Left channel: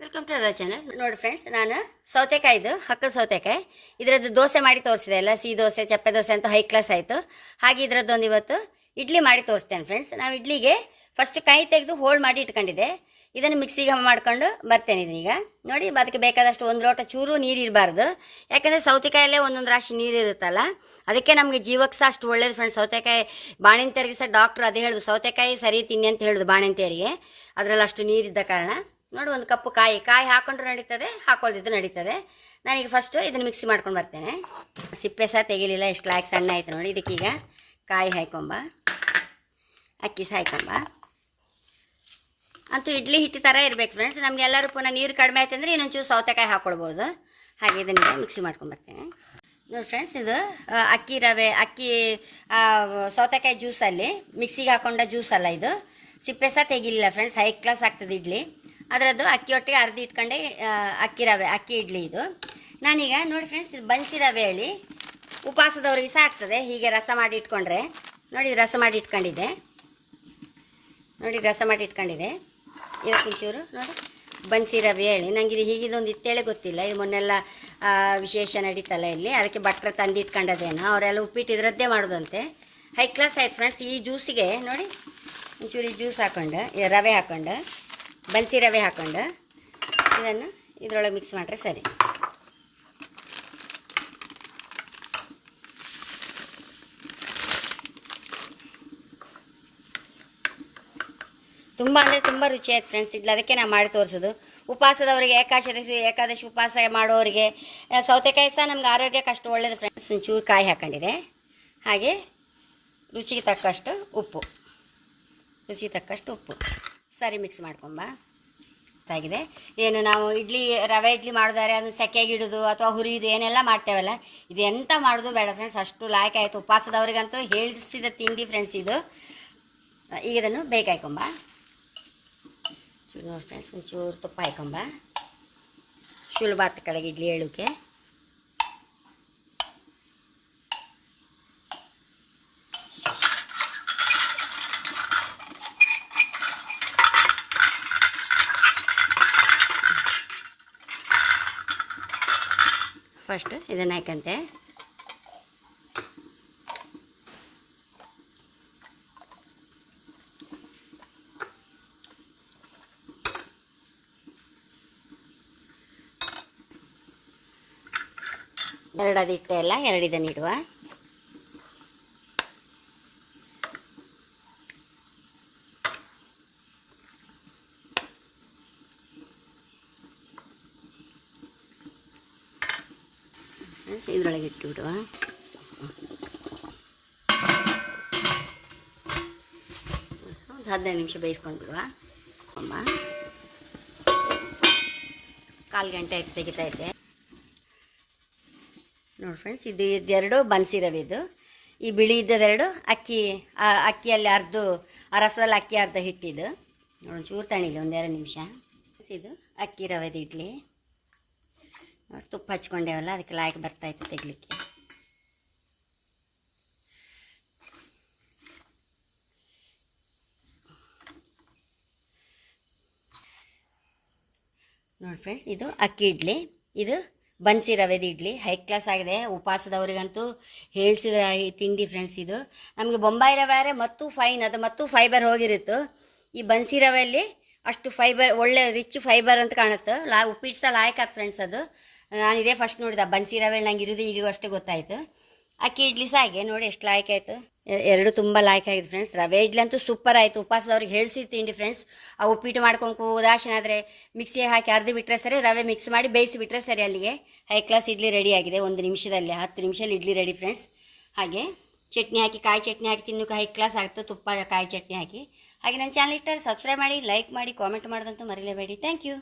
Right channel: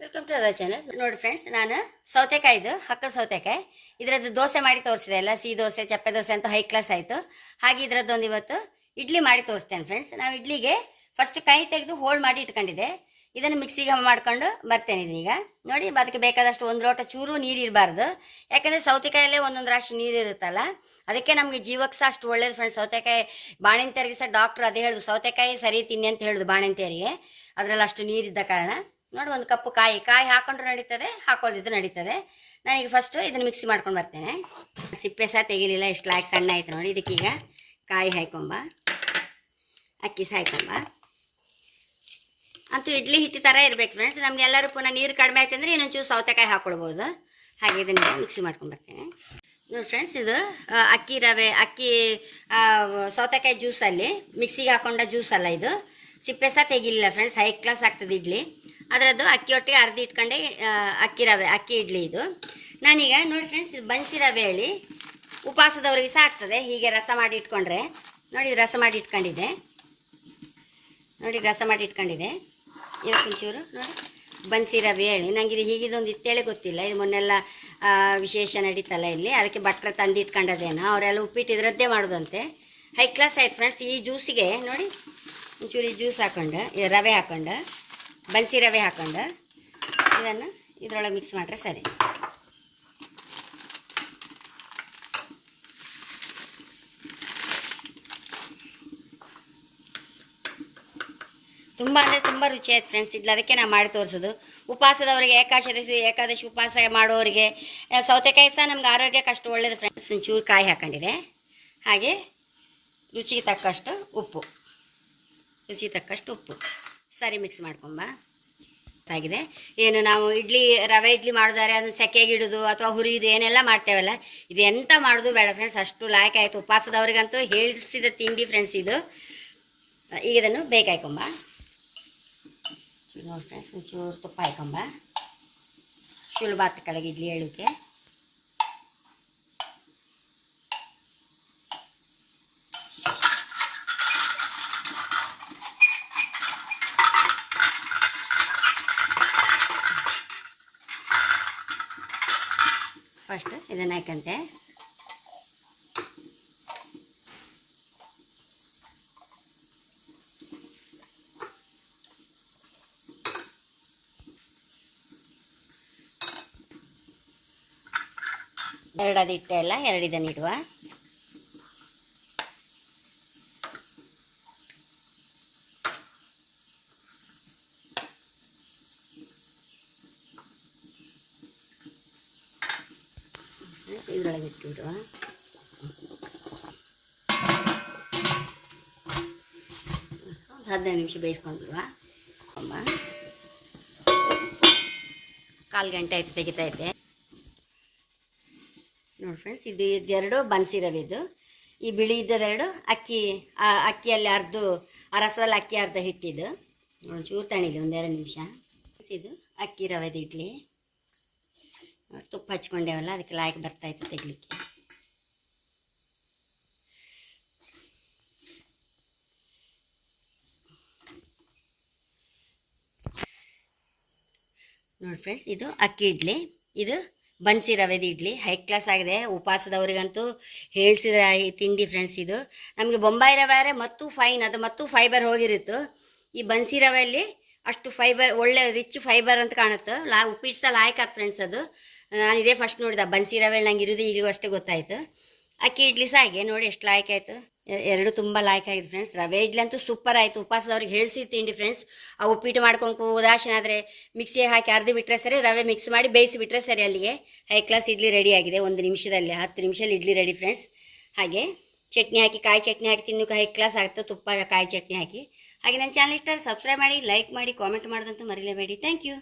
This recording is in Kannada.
ವೆಲ್ಕಮ್ ಟು ಅದರ್ ಚಾನಲ್ ನೋಡಿ ಫ್ರೆಂಡ್ಸ್ ನಾನು ಸೌತೆಕಾಯಿದು, ಹಕ್ಕ ಸೌತೆಕಾಯಿ. ಇದರದ್ದು ದೋಸೆ ಮಾಡಿ ತೋರಿಸಿದೆ ಅಲ್ಲ, ಸಿಹಿ ದೋಸೆ, ಚಪ್ಪೆ ದೋಸೆ ಅಂತ ಹೈ ಕ್ಲಾಸ್ ಆಯಿತು. ಹಾಗೆ ಇದರದ್ದೊಂದು ಇವತ್ತು ಇಡ್ಲಿ ಮಾಡಿ ತೋರಿಸ್ತೇನೆ ಫ್ರೆಂಡ್ಸ್ ನಾವು ಇಡ್ಲಿಗೆ ಫಸ್ಟ್ ಕೈ ತೆಗೆದು ಹೋಲ್ಡ್ ಮಾಡಿ ಇಟ್ಕೊಂಡಿದ್ದೆ. ಇದನ್ನು ಮಿಕ್ಸಿಗೆ ಮಾಡ್ಕೊಂಡು ಬರ್ತೇನೆ ಇದೀಗ. ನೋಡಿ, ಅದಕ್ಕೆ ಬೇಕಾದಷ್ಟು ಒಂದು ಲೋಟ ಚೂರು ನೀರು ಇರಬಾರ್ದು ಯಾಕಂದರೆ ಸೌತೆಕಾಯಲ್ಲೇ ಒಂದೊಂದು ರಾಶಿ ನೀರು ಇರುತ್ತಲ್ಲ, ಅದಕ್ಕೆ ನಮಗೆ ಜೀವಕ್ಕೆ ಸಹ ಅಷ್ಟು ಒಳ್ಳೇದು ಫ್ರೆಂಡ್ಸ್ ಸೌತೆಕಾಯಿ ಬಾಣಂತಿಯರಿಗೆ ಸಹ ಡಾಕ್ಟ್ರು ಅದೇ ಹೇಳೋದು ಸೌತೆಕಾಯಿ ಸರಿ ತಿನ್ನಿ ಅಂತ ಹೇಳೋದು ಬಾಣಂತಿಯರಿಗೆ. ಅದರಲ್ಲಿ ಅಷ್ಟು ನೀರಿದ್ದ ಕಾರಣ. ನೋಡಿ ಒಂದು ಕಪ್ಪು ಕಾಯಿ ಕಾಯಿ ಹಾಕೊಂಡ್ರೆ ನಡೀತದೆ ಹಾಕೊಳ್ದಿದ್ದು ನಡೀತದೆ. ನಾನೀಗ ಫಸ್ಟು ಇದನ್ನು ಮಿಕ್ಸಿ ಮಾಡ್ಕೊಂಡು ಬರ್ತೇನೆ. ಸಿಪ್ಪೆ ಸಹ ತೆಗಿಲಿಲ್ಲ ಎಷ್ಟು ಲಾಯಕ್ ಸಣ್ಣ ಆಯ್ತು ನೋಡಿ, ಇದಕ್ಕೀಗ ಕಾಯಿ ಹಾಯ್ಕೊಂಬ. ಅಕ್ಕಿ ಸಹ ಹಾಯ್ಕೊಂಬ. ಅಂತೂ ಇಡ್ಲಿ ಹಿಟ್ಟು ಥರ ಇರಬೇಕು ಫ್ರೆಂಡ್ಸ್ ನಮಗೆಲ್ಲರೂ ಪುನಃ ನೀರು ಕಡಿಮೆ ಆಯ್ತು ಅಂದರೆ ಇನ್ನೊಂಚೂರು ಸೌತೆಕಾಯಿ ಹಾಕ್ಕೊಳ್ಬೋದು ಹಾಗೆ ಇದನ್ನೆಲ್ಲ ಮಿಕ್ಸಿ ಮಾಡ್ಕೊಂಡು ಬರ್ತೇನೆ. ನೋಡಿ ಫ್ರೆಂಡ್ಸ್ ಇದು ಅಕ್ಕಿ ರವೆ, ಅಕ್ಕಿ ಸೌತೆಕಾಯಿ ಜ್ಯೂಸಲ್ಲಿ ಮಿಕ್ಸಿಗೆ ಹಾಕೊಂಡ ಜ್ಯೂಸ್ ಅಲ್ಲ ಇದು. ಸಿಪ್ಪೆ ಸಹ ತೆಗಿಲಿಲ್ಲ ಫ್ರೆಂಡ್ಸ್ ಹೈ ಕ್ಲಾಸ್ ಆಗ್ತದೆ ಇಡ್ಲಿ. ಅದರದ್ದು ಅಕ್ಕಿ ಒಟ್ಟಿಗೆ ಅರ್ಧ ಇಟ್ಕೊಂಡೆ ಅಕ್ಕಿ ರವೆ, ಅಕ್ಕಿ ಇಡ್ಲಿ ಇದು. ನಾನೀಗ ನೋಡಿ ಫ್ರೆಂಡ್ಸ್ ಬನ್ಸಿ ರವೆ ಹೇಳಿ. ಉಪವಾಸದವ್ರಿಗೆ ಸಹ ಆಗ್ತದೆ, ಹೀಗೆ ರಸ ಮಾಡಿ ಇಟ್ಕೊಂಡ್ರೆ. ನೋಡಿ, ರಸ ಮಾಡಿ ಇಟ್ಕೊಂಡಿದ್ದೆ. ನೋಡಿ, ರಸ ಮಾಡಿ ಇಟ್ಕೊಂಡಿದೆ ಇದು ಒಂಚೂರು ನೋಡಿ. ಬನ್ಸಿ ರವೆ ಹೇಳಿ. ನನಗೆ ಇದು ಹೀಗಿದೊಂದು ಇತ್ತೇಳೆ ಗೊತ್ತಿಲ್ಲ. ಇದು ಮೊನ್ನೆಲ್ಲ ವಿಶೇಷ ನಡೀತಲ್ಲ ಇಲ್ಲಿ. ಅದಕ್ಕೆ ಭಟ್ರ ತಂದು ಇಟ್ಕೊಂಡದೇನೋ ಅವರೆಲ್ಲ ಉಪ್ಪಿಟ್ಟು ಇದರದ್ದೇ ಮಾಡೋದಂತೆ. ಹೈ ಕ್ಲಾಸ್ ಆಯ್ತು ಫ್ರೆಂಡ್ಸ್ ಈ ಜ್ಯೂಸಿಗೆ ನೋಡಿ, ಒಂಚೂರು ಈ ಜ್ಯೂಸ್ ಹಾಕೊಂಡು ರವೆ ಹಾಕೊಂಡು. ಬನ್ಸಿ ರವೆ ಹಾಕೊಂಡು. ಇದನ್ನು ಇದರೊಳಗೆ ಮಿಕ್ಸ್ ಮಾಡ್ರೆ ಸರಿ. ತುಂಬ ಅಂದರೆ ತುಂಬ ರುಚಿ ಆಯ್ತು ಫ್ರೆಂಡ್ಸ್ ಇಡ್ಲಿ ಅದಕ್ಕೆ ನಾನು ಮಾಡಿ ತೋರಿಸೋದು. ಉಪವಾಸದವರಿಗೆ ಏಕಾದಶಿ ಏಕಾದಶಿ ಉಪವಾಸ ಮಾಡೋರಿಗೆ ಸೌತೆಕಾಯಿ ಸಹ ನಮ್ಗೆ ಆರೋಗ್ಯಕ್ಕೆ ಅಷ್ಟು ಒಳ್ಳೇದು ಫ್ರೆಂಡ್ಸ್ ಒಂಚೂರು ಕಾಯಿ ಹಾಕೊಂಡಿದೆ. ಹಾಗೆ ರುಚಿಗೆ ತಕ್ಕಷ್ಟು ಉಪ್ಪು. ರುಚಿಗೆ ತಕ್ಕಷ್ಟು ಉಪ್ಪು. ಸರಿ ಮಿಕ್ಸ್ ಮಾಡ್ಕೊಂಬ ಆಗಿದೆ ಏನು ನಾವು ಇಡ್ಲಿ, ರವೆ ಇಡ್ಲಿ ಮಾಡಿದಾರೆ ಅದನ್ನ ಸೆಕೆಗಿಡೋದು ಅಥವಾ ಹುರಿಯೋದು ಏನೆಲ್ಲ ಮಾಡ್ತೇವಲ್ಲ, ಇದು ಎಂತ ಮಾಡೋದು ಬೇಡ ಫ್ರೆಂಡ್ಸ್ ಅಷ್ಟು ಲಾಯಕ್ ಆಯಿತು. ಉಪವಾಸದವ್ರಿಗಂತೂ ಹೇಳಿಸಿದ ತಿಂಡಿ ಫ್ರೆಂಡ್ಸ್ ಇದು. ಈಗ ಇದನ್ನು ಬೇಕಾಯ್ಕೊಂಬ ನೋಡಿ ಫ್ರೆಂಡ್ಸ್ ಒಂಚೂರು ತುಪ್ಪ ಹಾಕೊಂಬ ಸುಲಭ ಕೆಳಗೆ ಇಡ್ಲಿ ಹೇಳೋಕೆ ಫಸ್ಟ್ ಇದನ್ನು ಹಾಕಂತೆ. ಎರಡು ಅದು ಇಟ್ಟೆ ಅಲ್ಲ ಎರಡು ಇದನ್ನು ಇಡುವ ಇದರೊಳಗೆ ಇಟ್ಟು ಬಿಡುವ. ಒಂದು ಹದಿನೈದು ನಿಮಿಷ ಬೇಯಿಸ್ಕೊಂಡು ಬಿಡುವ. ಕಾಲು ಗಂಟೆ ಆಯ್ತು, ತೆಗಿತಾ ಇದ್ದೆ. ನೋಡಿ ಫ್ರೆಂಡ್ಸ್ ಇದು ಇದೆರಡು ಬನ್ಸಿ ರವೆ ಇದು ಈ ಬಿಳಿ ಇದ್ದದೆರಡು ಅಕ್ಕಿ ಅಕ್ಕಿಯಲ್ಲಿ ಅರ್ಧ ಆ ರಸದಲ್ಲಿ ಅಕ್ಕಿ ಅರ್ಧ ಹಿಟ್ಟಿದ್ದು. ನೋಡಿ ಚೂರು ತಣಿಲಿ, ಒಂದೆರಡು ನಿಮಿಷ. ಇದು ಅಕ್ಕಿ ರವೆದು ಇಡ್ಲಿ. ತುಪ್ಪ ಹಚ್ಕೊಂಡೇವಲ್ಲ, ಅದಕ್ಕೆ ಲಾಯಕ್ ಬರ್ತಾ ಇತ್ತು ತೆಗಿಲಿಕ್ಕೆ. ನೋಡಿ ಫ್ರೆಂಡ್ಸ್ ಇದು ಅಕ್ಕಿ ಇಡ್ಲಿ. ಇದು ಬನ್ಸಿ ರವೆದ ಇಡ್ಲಿ. ಹೈ ಕ್ಲಾಸ್ ಆಗಿದೆ. ಉಪವಾಸದವ್ರಿಗಂತೂ ಹೇಳಿಸಿದ ತಿಂಡಿ ಫ್ರೆಂಡ್ಸ್ ಇದು. ನಮಗೆ ಬೊಂಬಾಯಿ ರವೆ ಮತ್ತು ಫೈನ್ ಅದು ಮತ್ತು ಫೈಬರ್ ಹೋಗಿರುತ್ತೆ. ಈ ಬನ್ಸಿ ರವೆಯಲ್ಲಿ ಅಷ್ಟು ಫೈಬರ್ ಒಳ್ಳೆ ರಿಚ್ ಫೈಬರ್ ಅಂತ ಕಾಣುತ್ತೆ. ಲಾ ಉಪ್ಪಿಟ್ಟು ಸಹ ಲಾಯಕ್ ಫ್ರೆಂಡ್ಸ್ ಅದು. ನಾನು ಇದೇ ಫಸ್ಟ್ ನೋಡಿದ, ಬನ್ಸಿ ರವೆ ನಂಗೆ ಇರೋದು ಈಗಲೂ ಅಷ್ಟೇ ಗೊತ್ತಾಯಿತು. ಅಕ್ಕಿ ಇಡ್ಲಿ ಸಹ ಹಾಗೆ ನೋಡಿ ಎಷ್ಟು ಲಾಯ್ಕ್ ಆಯಿತು. ಎರಡು ತುಂಬ ಲಾಯ್ಕ್ ಆಗಿದೆ ಫ್ರೆಂಡ್ಸ್ ರವೆ ಇಡ್ಲಿ ಅಂತೂ ಸೂಪರ್ ಆಯಿತು. ಉಪವಾಸದವ್ರಿಗೆ ಹೇಳಿಸಿ ತಿಂಡಿ ಫ್ರೆಂಡ್ಸ್ ಆ ಉಪ್ಪಿಟ್ಟು ಮಾಡ್ಕೊಂಡು ಉದಾಸೀನಾದರೆ ಮಿಕ್ಸಿಗೆ ಹಾಕಿ ಅರ್ಧ ಬಿಟ್ಟರೆ ಸರಿ, ರವೆ ಮಿಕ್ಸ್ ಮಾಡಿ ಬೇಯಿಸಿ ಬಿಟ್ಟರೆ ಸರಿ ಅಲ್ಲಿಗೆ. ಹೈ ಕ್ಲಾಸ್ ಇಡ್ಲಿ ರೆಡಿ ಆಗಿದೆ, ಒಂದು ನಿಮಿಷದಲ್ಲಿ, ಹತ್ತು ನಿಮಿಷದಲ್ಲಿ ಇಡ್ಲಿ ರೆಡಿ ಫ್ರೆಂಡ್ಸ್ ಹಾಗೆ ಚಟ್ನಿ ಹಾಕಿ, ಕಾಯಿ ಚಟ್ನಿ ಹಾಕಿ, ತಿನ್ನೋಕೆ ಹೈ ಕ್ಲಾಸ್ ಆಗುತ್ತೆ ತುಪ್ಪ ಕಾಯಿ ಚಟ್ನಿ ಹಾಕಿ. ಹಾಗೆ ನನ್ನ ಚಾನಲ್ ಇಷ್ಟ ಸಬ್ಸ್ಕ್ರೈಬ್ ಮಾಡಿ ಲೈಕ್ ಮಾಡಿ ಕಾಮೆಂಟ್ ಮಾಡೋದಂತೂ ಮರಿಲೇಬೇಡಿ. Thank you